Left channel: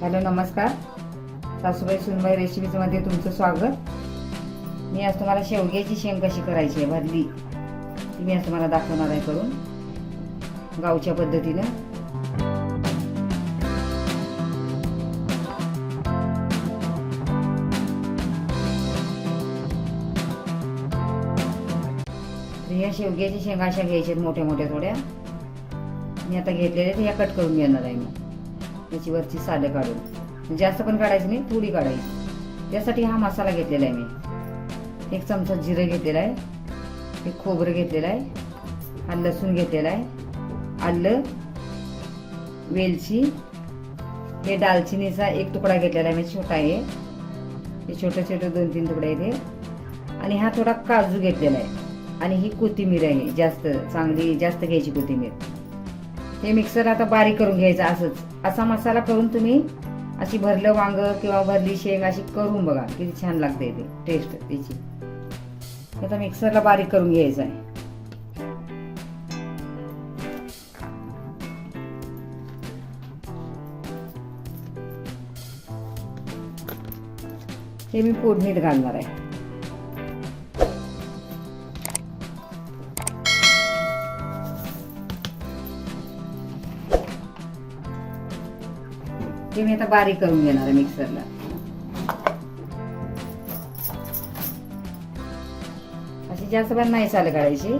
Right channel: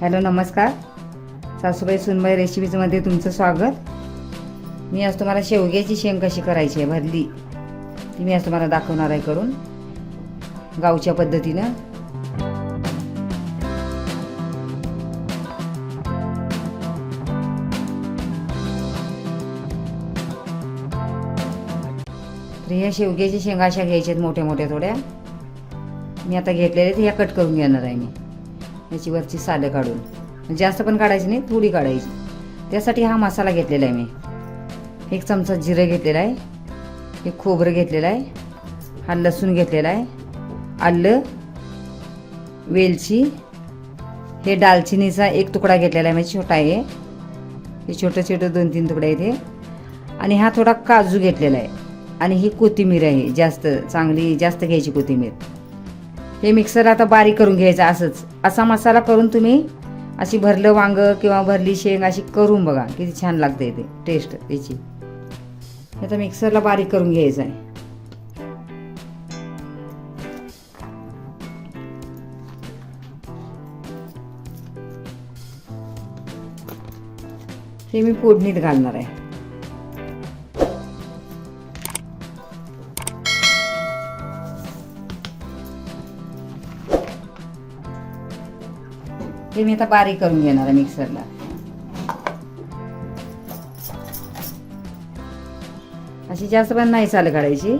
Hello नमस्कार. सासूबाई सुनबाई रेसिपीजमध्ये तुमचं स्वागत. मी आज तुम्हाला शेवग्याची शेंग कशी करायची आहे भरली ती मी आज तुम्हाला दाखवणार आहे करून गावच्या पद्धतीनं. तर ह्या शेवग्याची शेंगा अशा घ्यायच्या आहेत मोठ्या मोठ्या थोड्या. मी आता घेतलेल्या आहेत ह्या कट करून घेणार आहे मी. याची वरची सालं काढून, जास्त पण काढायची नाही, थोडी काढायची. त्यासाठी हा मसाला घेतलेला आहे मी. 1 चमचा जिरं घेतलेला आहे, एक खोबरं घेतलेलं आहे, हा लसूण घेतलेला आहे, आलं, वेलची, हे दालचिनीचा 1 तुकडा घेतलेला आहे, म्हणजे छोटा आहे हे छोटे छोटे 2-3 तुकडे आहेत हे. आणि हा थोडा काजू घेतलेला आहे. आणि ही कोथिंबीर आहे, जास्त चांगली जास्त घ्यायची कोथिंबीर. हे मिक्सर आता बारीक करून घ्यायचं. असंच असा मसाला करून तुम्ही अशी भरलं वांग किंवा भरली शेंग अशी करून बघा, किती छान लागते ते टेस्ट त्याची. आता मिक्सरला बारीक करून घ्यायचं आहे. हे मी फोडणीत घालणार आहे. हे मी आता बारीक करून घेणार आहे मिक्सरला. अशी जास्त पण नाही सालं काढायची.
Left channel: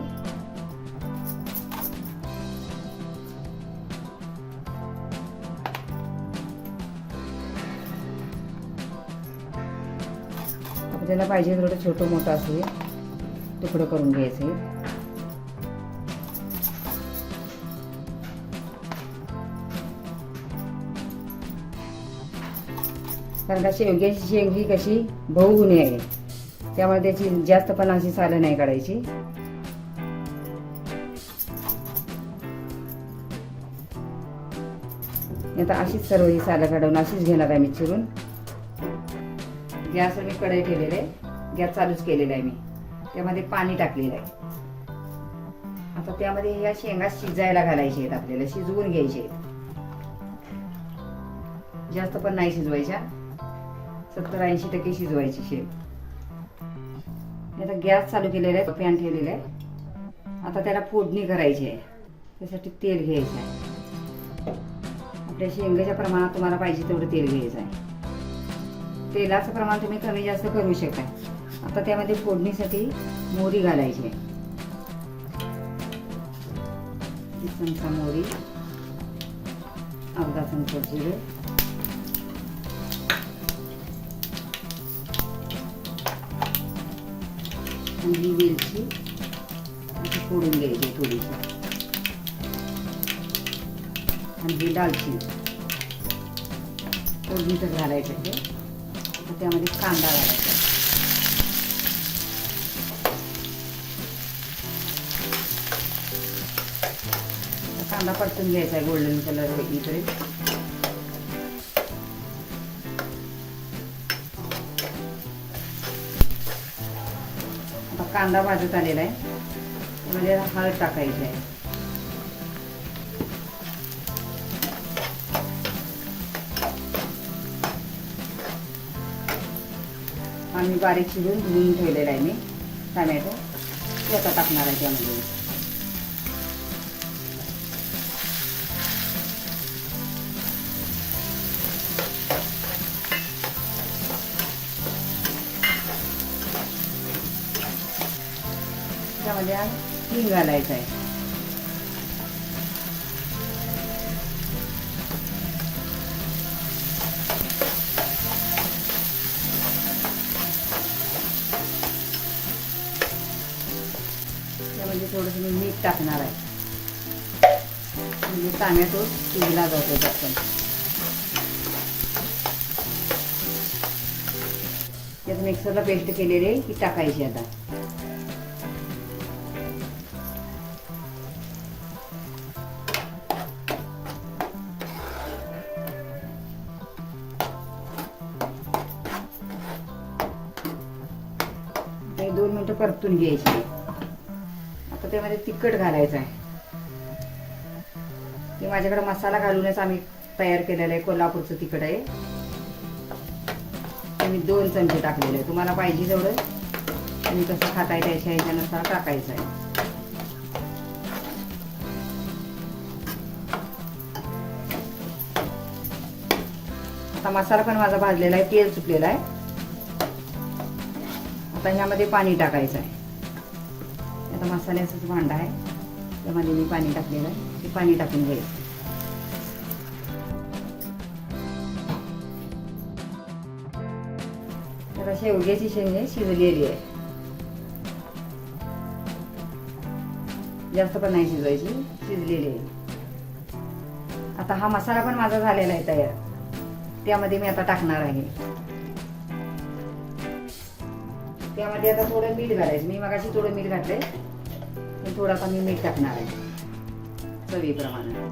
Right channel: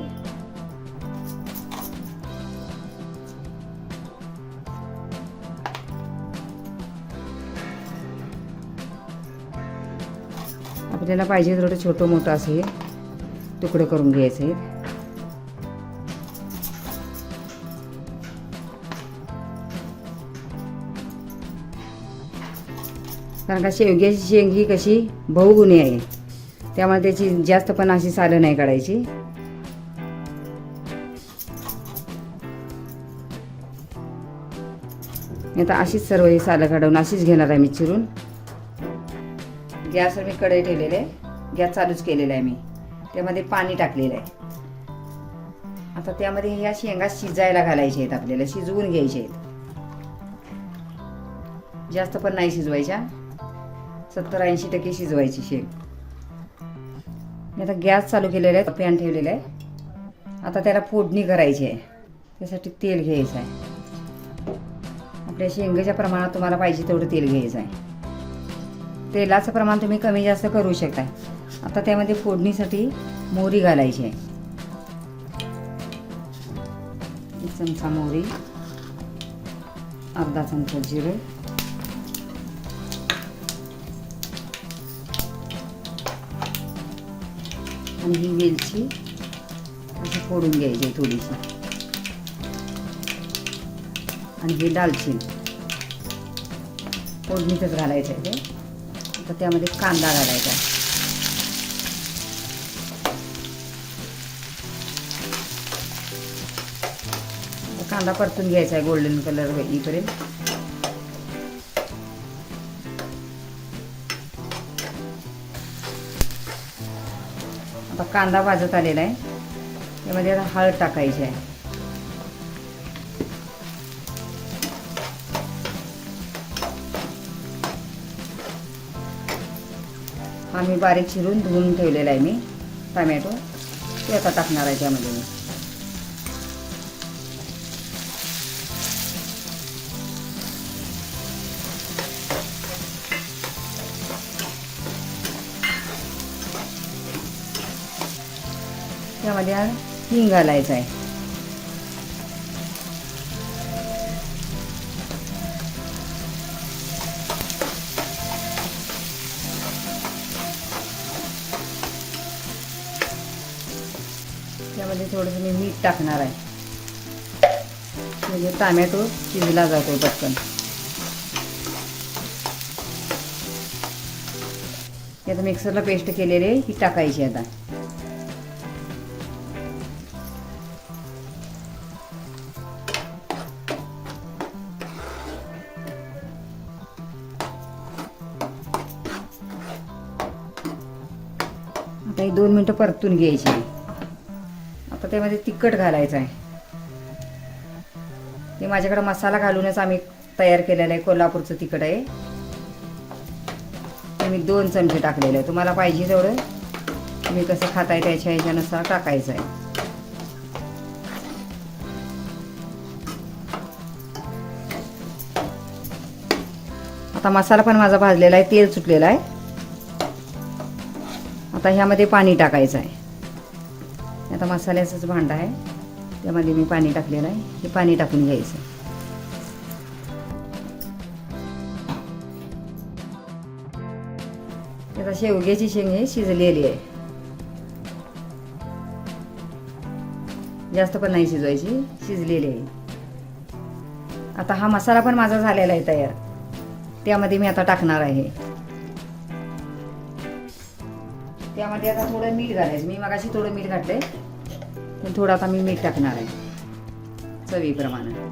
आपल्याला पाहिजे थोडं छोटं मोठं असं हे तुकडे करून घ्यायचे आहेत. कारण का शेवग्याची शेंग ही कशी बहुगुणी आहे, त्यामुळे त्याची जास्त पण अशी सालं नाही काढायची. आता अशीच सर्व ही सालं काढून अशीच घेणार आहे मी चिरून. गॅसवर मी कढई ठेवलेली आहे, गॅस चालूच केलेला आहे मी. त्यामध्ये पाणी टाकलेलं आहे. आता त्यामध्ये या शेंगा शिजायला घालायच्या आहेत, आपल्याला शिजवून घ्यायचे आहेत. जास्त पण नाही शिजवायच्या, 70-80% शिजवायची शेंग. आता गॅस चालू केलेला आहे, पॅन ठेवलेला आहे. आता त्याला फोडणी करायची आहे. त्यासाठी तेल घ्यायचं आहे. आपल्या शेंगाच्या प्रमाणात तुम्हाला पाहिजे तेवढं तेल घ्यायचं आहे. तेलाचं प्रमाण तुम्ही कमी जास्त करू शकता. आता त्यामध्ये फोडणीसाठी मोहरी घालायची आहे. 1 चमचा मोहरी, अर्धा चमचा जिरे, आणि ही वेलची अशी फोडून घ्यायची थोडीशी, आणि ही दालचिनी फोडणीतच घालायचं आहे ते. आता त्यामध्ये कांदा घालायचा. कांदा परतून घ्यायचा आहे गोल्डन कलर होईपर्यंत. आता कांदा भाजत आलेला आहे, त्यामध्ये हळद टाकायची आहे. आणि बारीक चिरून धुवून ठेवलेला आहे मी टमॅटो, ते आता टाकणार आहे त्यामध्ये. त्यामध्ये हिंग घालायचं आहे. त्यामध्ये थोडंसं मी मीठ टाकणार आहे, म्हणजे टमॅटो शिजला जातो पटकन. आता मिक्सरला पेस्ट केलेली ही टाकायची. आता आता 2 मिनिटं परतून घ्यायची. आता त्यामध्ये तिखट घालायचं आहे. ते माझ्याकडे मसाला घालूनच आम्ही तयार केलेलं आहे, कोल्हापूरचं तिखट आहे. मी 2 चमचे टाकलेलं आहे. तुम्हाला पाहिजे तेवढं तुम्ही कसं खाताय त्याच्या ह्याच्यानुसार टाकायचं आहे. आता मसाला पण माझा भाजलेला आहे, तेल सुटलेलं आहे. आता ह्यामध्ये पाणी टाकायचं आहे. आता मसाल्याचंच भांडं आहे, त्यामध्ये मी पाणी टाकलेलं आहे. हे पाणी टाकून घ्यायचं. आता शेवग्याची शेंग हे शिजलेली आहे, जास्त पण नाही शिजवायची, शिजलेली आहे. आता हा मसाला पण माझा झालेला आहे तयार, त्यामध्ये मी आता टाकणार आहे. त्यामध्ये आता थोडं मीठ घालायचं. मी मगाशी थोडं मीठ घातलंय, पण थोडं आता मी मीठ टाकणार आहे चवीप्रमाणे.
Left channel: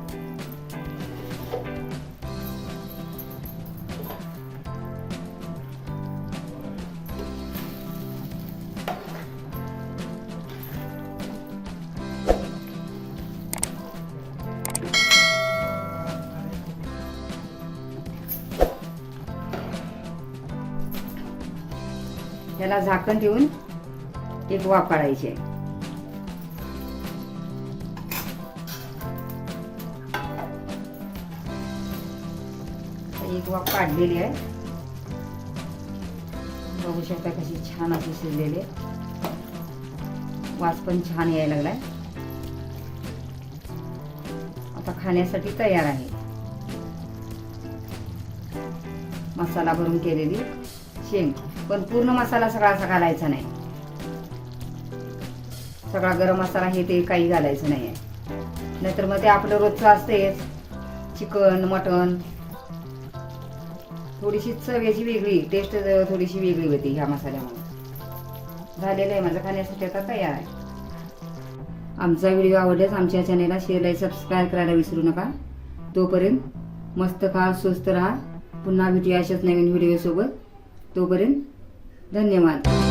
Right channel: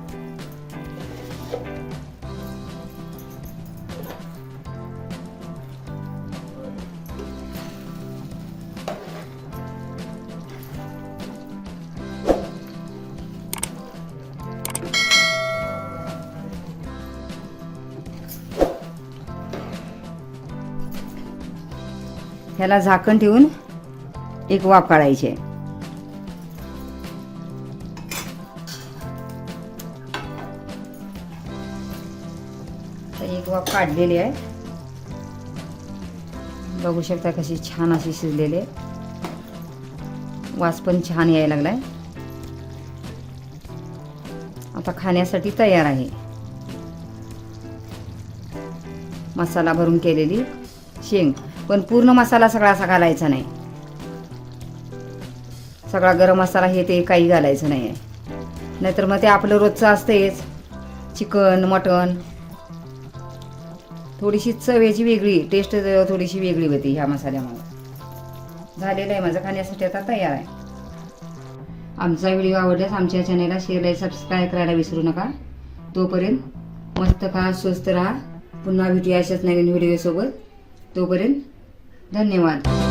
ह्याला झाकण ठेवून एक वाफ काढायची आहे. एक वाफ काढलेली आहे. बघू शकता कशी छान अशी शिजलेली आहे. वास पण छान यायला लागलाय. आता खाण्यासाठी तयार आहे. मसाला भरून केलेली शेंग, पण पूर्ण मसाला सगळा असा घालायचा नाही. सगळा गरम मसाला हे ते काही घालायचं नाही आहे, नाहीतर मग ते आपलं रोजचं असतेच. चिकन मटन थोडीशी चव याची वेगळी, टेस्ट थोडीशी वेगळी होती ह्या मसाल्यामुळे. झालेलं आहे माझं, खाण्यासाठी आता तयार आहे. आमचा व्हिडिओ आवडल्यास आमच्या चॅनलला शेअर लाईक सबस्क्राईब करायला विसरू नका. तोपर्यंत मस्त खा, स्वस्त राहा. पुन्हा भेटूया अशाच नवीन व्हिडिओ सोबत. तोपर्यंत धन्यवाद.